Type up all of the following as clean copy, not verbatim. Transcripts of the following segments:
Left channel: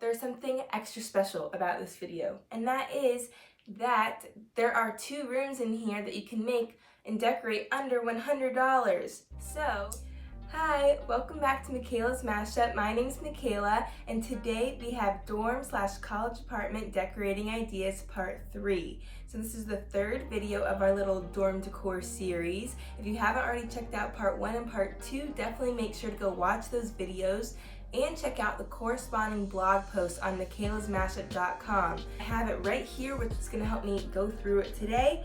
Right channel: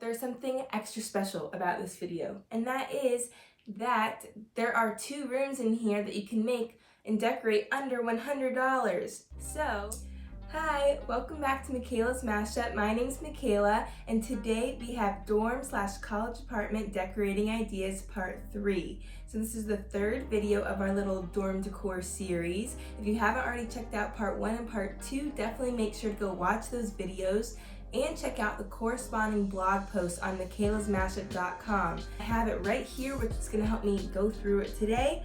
There's something extra special about this video, and that is that there are 2 rooms in here that you can make and decorate under $100. So, hi, welcome back to Michaela's Mashup. My name's Michaela, and today we have dorm/college apartment decorating ideas part 3. So this is the 3rd video of our little dorm decor series. If you haven't already checked out part 1 and part 2, definitely make sure to go watch those videos and check out the corresponding blog post on michaelasmashup.com. I have it right here, which is going to help me go through it today.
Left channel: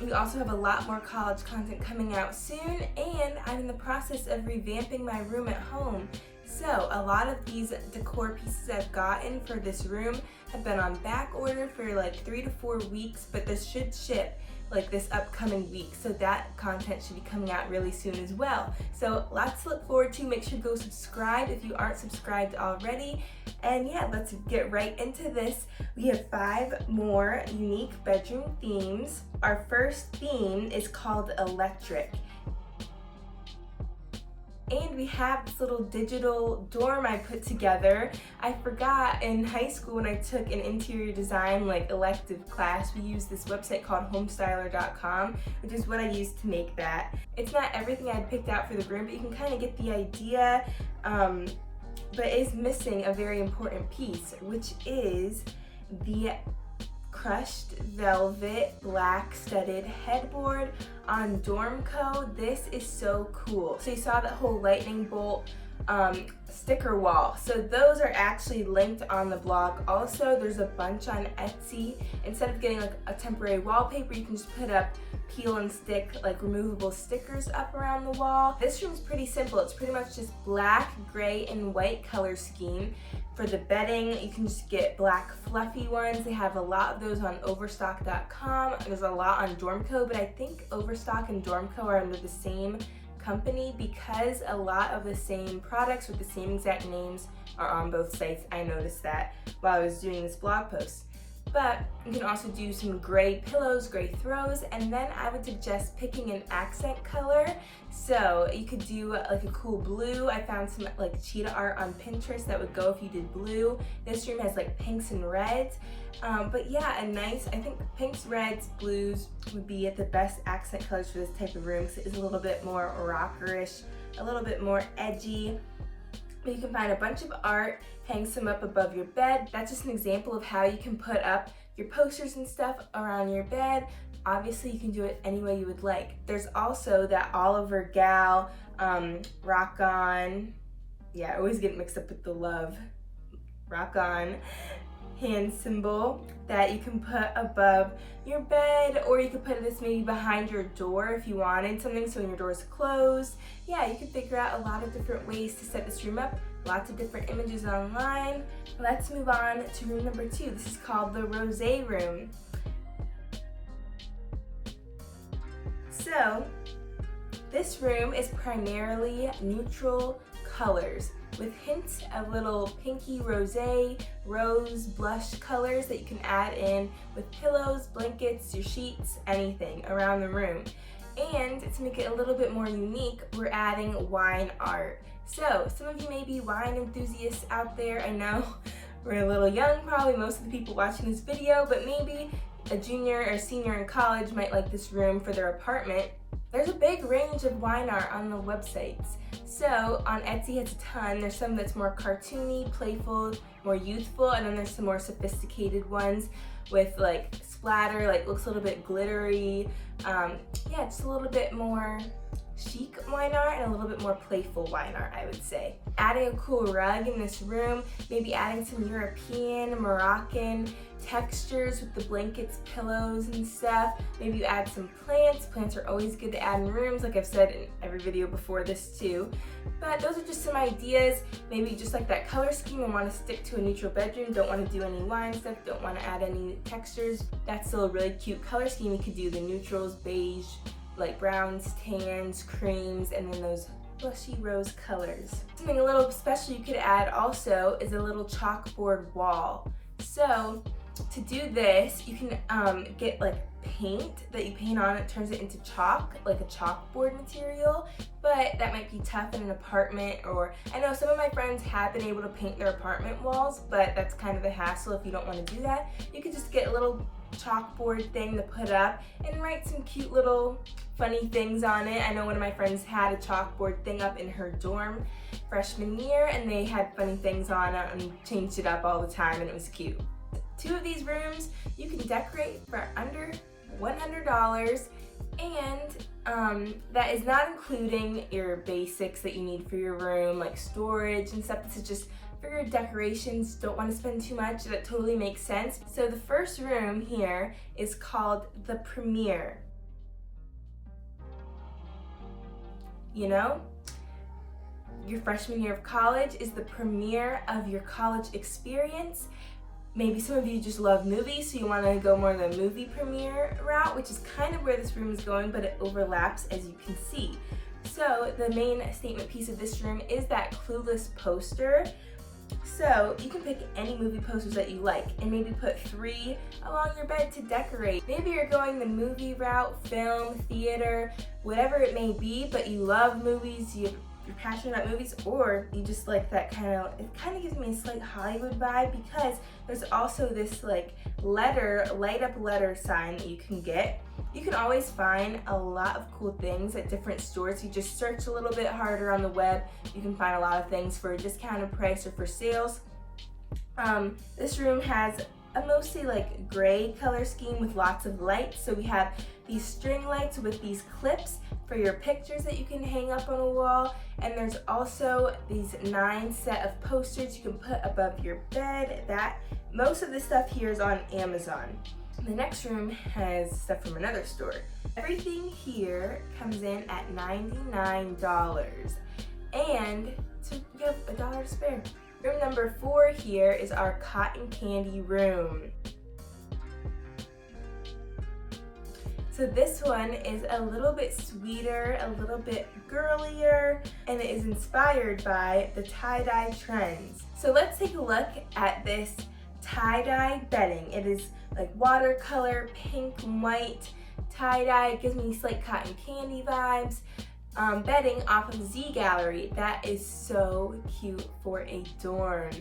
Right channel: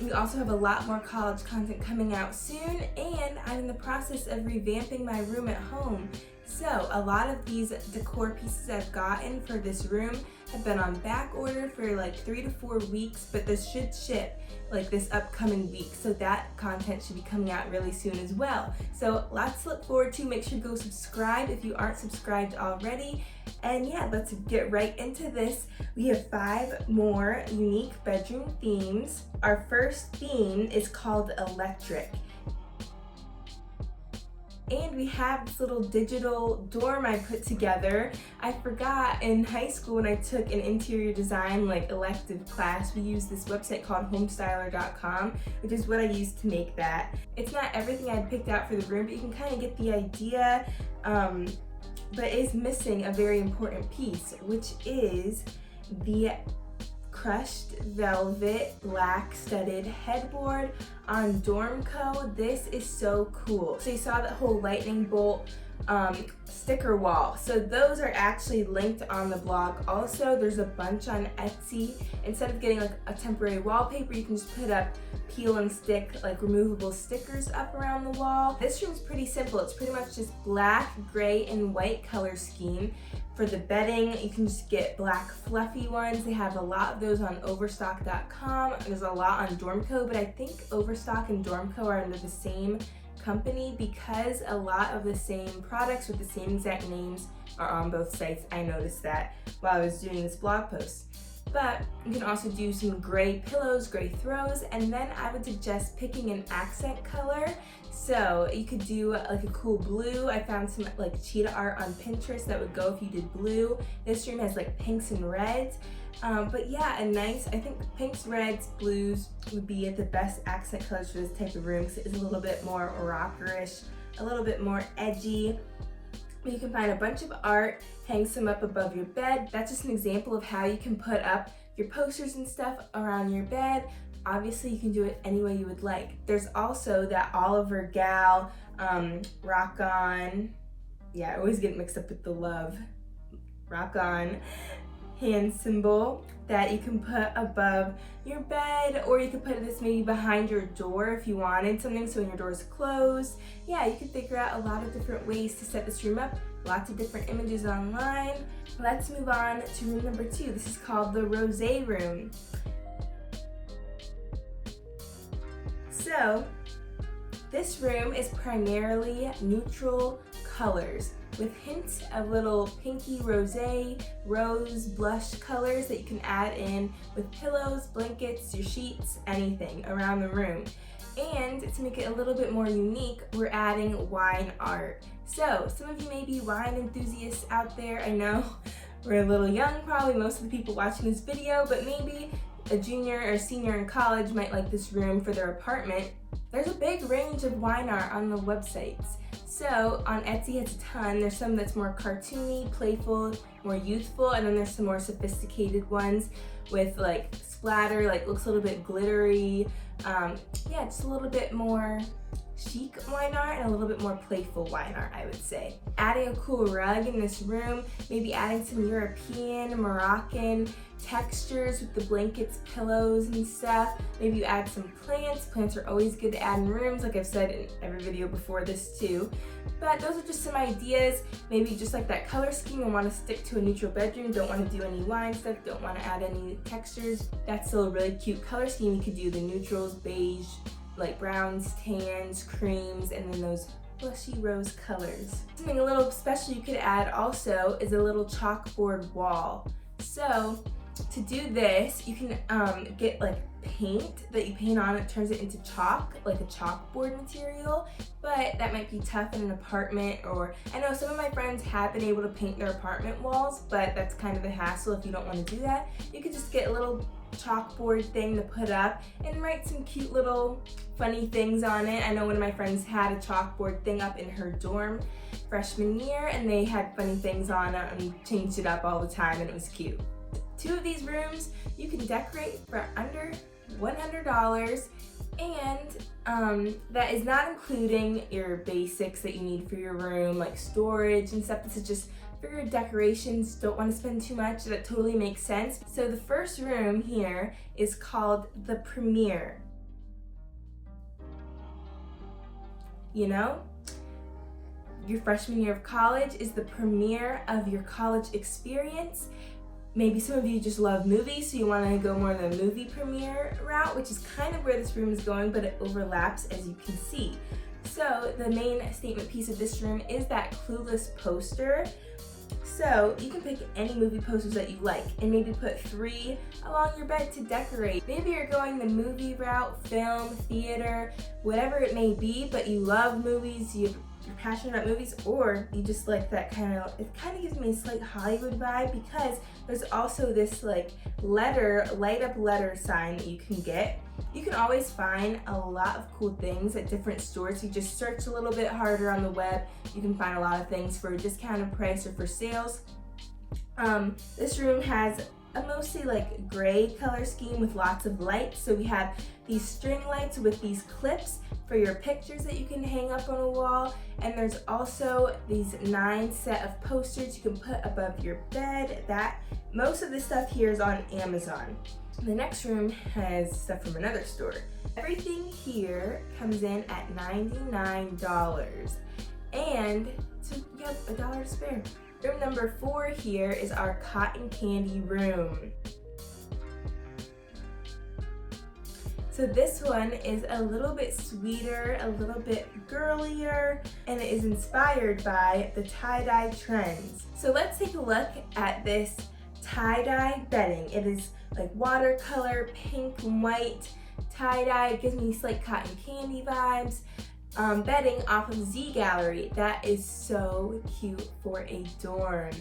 We also have a lot more college content coming out soon, and I'm in the process of revamping my room at home. So a lot of these decor pieces I've gotten for this room have been on back order for like 3 to 4 weeks, but this should ship like this upcoming week, so that content should be coming out really soon as well. So lots to look forward to. Make sure to go subscribe if you aren't subscribed already. And yeah, let's get right into this. We have 5 more unique bedroom themes. Our first theme is called Electric. And we have this little digital dorm I put together. I forgot in high school when I took an interior design elective class, we used this website called homestyler.com, which is what I used to make that. It's not everything I'd picked out for the room, but you can kind of get the idea, but it is missing a very important piece, which is the crushed velvet black studded headboard on Dormco. This is so cool. So you saw that whole lightning bolt sticker wall. So those are actually linked on the blog. Also, there's a bunch on Etsy. Instead of getting a temporary wallpaper, you can just put up peel and stick removable stickers up around the wall. This room's pretty simple. It's pretty much just black, gray, and white color scheme. For the bedding, you can just get black fluffy ones. They have a lot of those on overstock.com. There's a lot on Dormco, but I think Overstock and Dormco are under the same company because a lot of the same products with the same exact names are on both sites. I noticed that while I was doing this blog post. But you can also do some gray pillows, gray throws, and then I would suggest picking an accent color. So you could do a cool blue. I found some cheetah art on Pinterest that would go if you did blue. This room has pinks and reds. But yeah, I think pinks, reds, blues would be the best accent colors for this type of room because it is a little bit more rockerish, a little bit more edgy. You can find a bunch of art, hang some up above your bed. That's just an example of how you can put up your posters and stuff around your bed. Obviously, you can do it any way you would like. There's also that Oliver Gal Rock On. Yeah, I always get mixed up with the love. Rock On hand symbol that you can put above your bed, or you could put this maybe behind your door if you wanted something so when your door is closed. Yeah, you can figure out a lot of different ways to set this room up. Lots of different images online. Let's move on to room number 2. This is called the Rosé Room. So this room is primarily neutral colors with hints of little pinky rosé, rose, blush colors that you can add in with pillows, blankets, your sheets, anything around the room. And to make it a little bit more unique, we're adding wine art. So some of you may be wine enthusiasts out there. I know we're a little young, probably most of the people watching this video, but maybe a junior or senior in college might like this room for their apartment. There's a big range of wine art on the websites. So on Etsy has a ton. There's some that's more cartoony, playful, more youthful, and then there's some more sophisticated ones with splatter, looks a little bit glittery. Yeah, just a little bit more chic wine art and a little bit more playful wine art, I would say. Adding a cool rug in this room, maybe adding some European, Moroccan textures with the blankets, pillows, and stuff. Maybe you add some plants. Plants are always good to add in rooms, like I've said in every video before this too. But those are just some ideas. Maybe you just like that color scheme and want to stick to a neutral bedroom, don't want to do any wine stuff, don't want to add any textures. That's still a really cute color scheme. You could do the neutrals, beige, browns, tans, creams, and then those blushy rose colors. Something a little special you could add also is a little chalkboard wall. So To do this, you can get like paint that you paint on. It turns it into chalk, like a chalkboard material, but that might be tough in an apartment. Or I know some of my friends have been able to paint their apartment walls, but that's kind of a hassle if you don't want to do that. You could just get a little chalkboard thing to put up and write some cute little funny things on it. I know one of my friends had a chalkboard thing up in her dorm freshman year, and they had funny things on it and changed it up all the time, and it was cute. 2 of these rooms you can decorate for under $100, and that is not including your basics that you need for your room, like storage and stuff. This is just for your decorations. Don't want to spend too much. That totally makes sense. So the first room here is called the Premiere. You know, your freshman year of college is the premiere of your college experience. Maybe some of you just love movies, so you want to go more the movie premiere route, which is kind of where this room is going, but it overlaps, as you can see. So the main statement piece of this room is that Clueless poster. So you can pick any movie posters that you like and maybe put 3 along your bed to decorate. Maybe you're going the movie route, film, theater, whatever it may be, but you love movies, you're passionate about movies, or you just like that it kind of gives me a slight Hollywood vibe, because there's also this like light up letter sign that you can get. You can always find a lot of cool things at different stores. You just search a little bit harder on the web. You can find a lot of things for a discounted price or for sales. This room has a mostly like gray color scheme with lots of lights. So we have these string lights with these clips for your pictures that you can hang up on a wall. And there's also these 9 set of posters you can put above your bed. Most of the stuff here is on Amazon. The next room has stuff from another store. Everything here comes in at $99, and so you have $1 to spare. Room number 4 here is our cotton candy room. So this one is a little bit sweeter, a little bit girlier, and it is inspired by the tie-dye trends. So let's take a look at this tie-dye bedding. It is like watercolor, pink and white tie-dye. It gives me slight cotton candy vibes. Bedding off of Z Gallery. That is so cute for a dorm.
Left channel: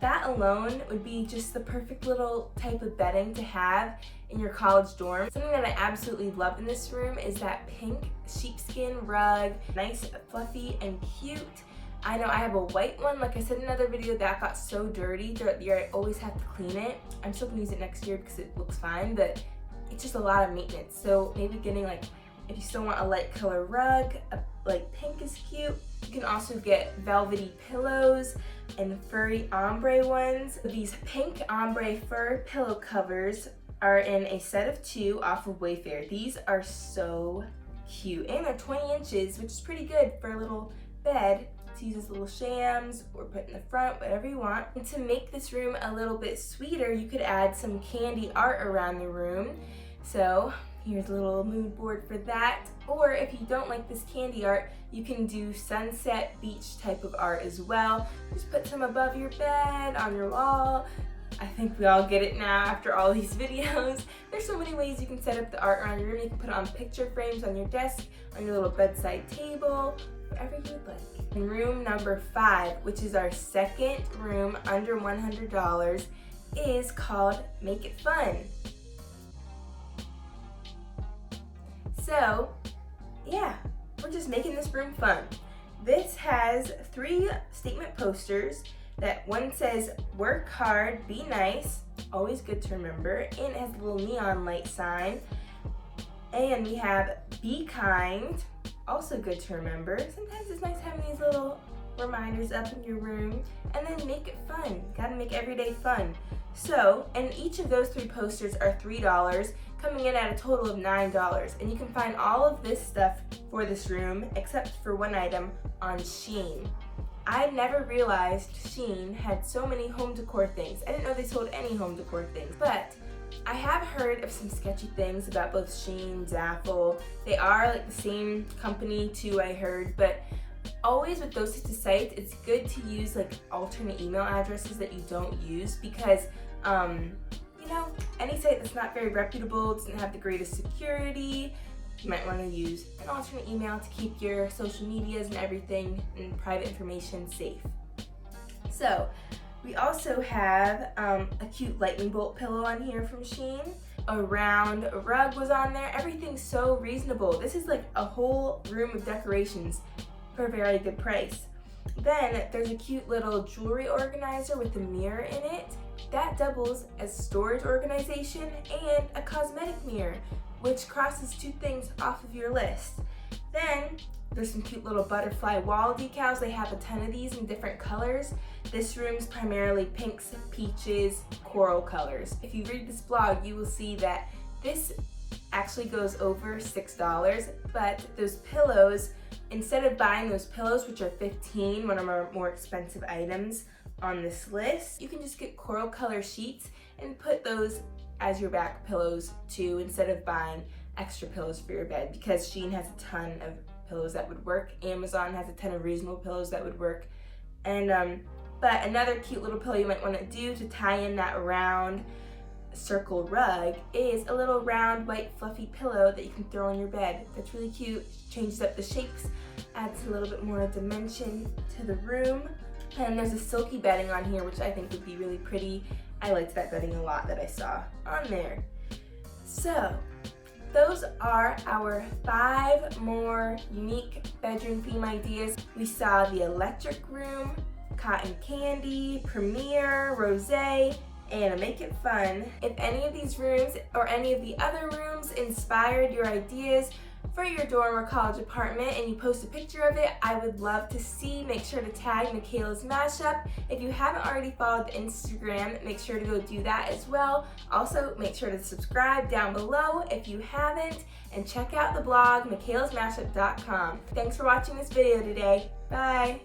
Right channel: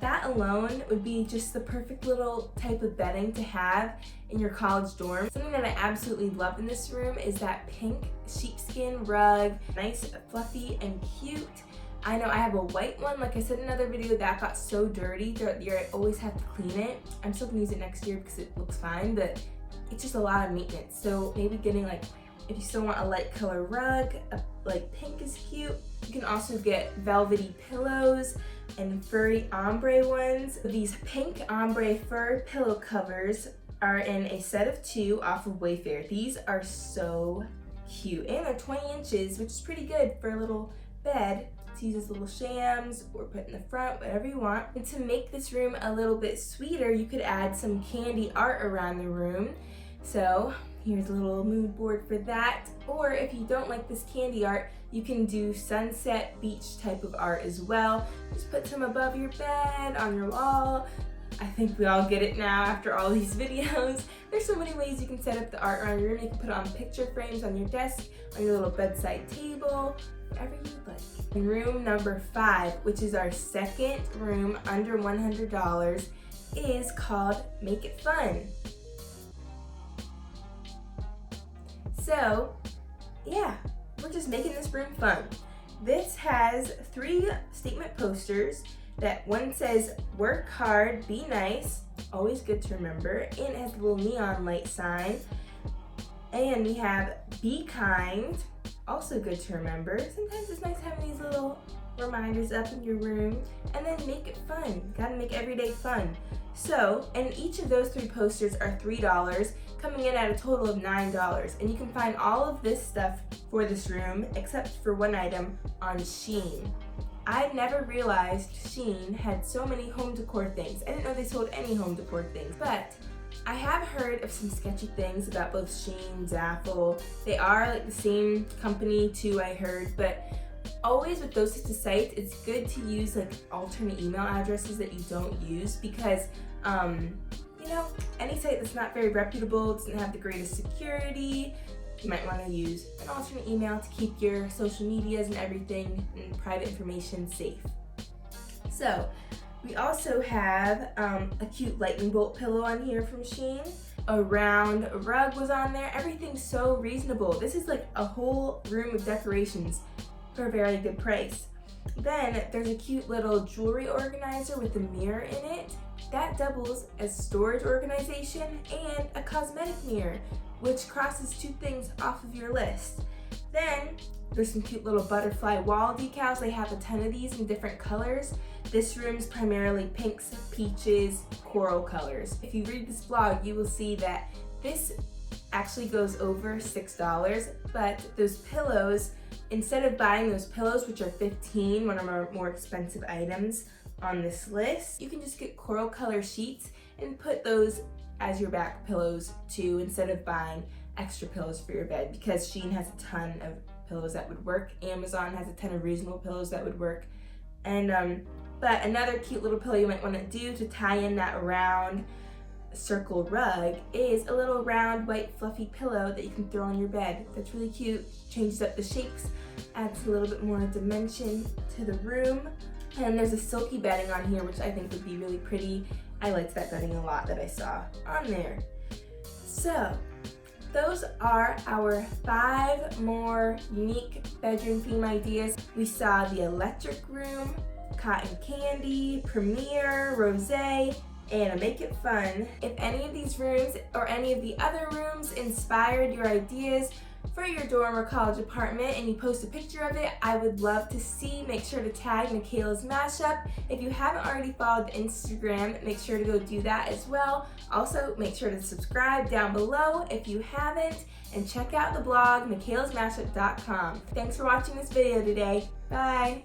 That alone would be just the perfect little type of bedding to have in your college dorm. Something that I absolutely love in this room is that pink sheepskin rug. Nice, fluffy, and cute. I know I have a white one, like I said in another video, that got so dirty throughout the year. I always have to clean it. I'm still gonna use it next year because it looks fine, but it's just a lot of maintenance. So maybe getting like, if you still want a light color rug, like pink is cute. You can also get velvety pillows and furry ombre ones. These pink ombre fur pillow covers are in a set of 2 off of Wayfair. These are so cute, and they're 20 inches, which is pretty good for a little bed to use as little shams or put in the front, whatever you want. And to make this room a little bit sweeter, you could add some candy art around the room. So here's a little mood board for that. Or if you don't like this candy art, you can do sunset beach type of art as well. Just put some above your bed, on your wall. I think we all get it now after all these videos. There's so many ways you can set up the art around your room. You can put it on picture frames on your desk, on your little bedside table, wherever you'd like. And room number 5, which is our second room under $100, is called Make It Fun. So, yeah, we're just making this room fun. This has 3 statement posters. That one says, work hard, be nice, always good to remember, and it has a little neon light sign. And we have be kind, also good to remember. Sometimes it's nice having these little reminders up in your room. And then make it fun, gotta make every day fun. So, and each of those 3 posters are $3, coming in at a total of $9. And you can find all of this stuff for this room, except for one item, on Shein. I never realized Shein had so many home decor things. I didn't know they sold any home decor things, but I have heard of some sketchy things about both Shein, Zaful. They are like the same company too, I heard, but always with those types of sites, it's good to use like alternate email addresses that you don't use because, any site that's not very reputable, doesn't have the greatest security, you might want to use an alternate email to keep your social medias and everything and private information safe. So we also have a cute lightning bolt pillow on here from Shein. A round rug was on there. Everything's so reasonable. This is like a whole room of decorations for a very good price. Then there's a cute little jewelry organizer with a mirror in it. That doubles as storage organization and a cosmetic mirror, which crosses 2 things off of your list. Then there's some cute little butterfly wall decals. They have a ton of these in different colors. This room's primarily pinks, peaches, coral colors. If you read this blog, you will see that this actually goes over $6, but those pillows, instead of buying those pillows, which are $15, one of our more expensive items on this list, you can just get coral color sheets and put those as your back pillows too, instead of buying extra pillows for your bed, because Shein has a ton of pillows that would work. Amazon has a ton of reasonable pillows that would work. And but another cute little pillow you might want to do to tie in that round circle rug is a little round white fluffy pillow that you can throw on your bed. That's really cute, changes up the shapes, adds a little bit more dimension to the room. And there's a silky bedding on here, which I think would be really pretty. I liked that bedding a lot that I saw on there. So those are our 5 more unique bedroom theme ideas. We saw the electric room, cotton candy, Premier, Rosé, and a Make It Fun. If any of these rooms or any of the other rooms inspired your ideas for your dorm or college apartment and you post a picture of it, I would love to see. Make sure to tag Michaela's Mashup. If you haven't already followed the Instagram, make sure to go do that as well. Also, make sure to subscribe down below if you haven't, and check out the blog michaelasmashup.com. Thanks for watching this video today. Bye!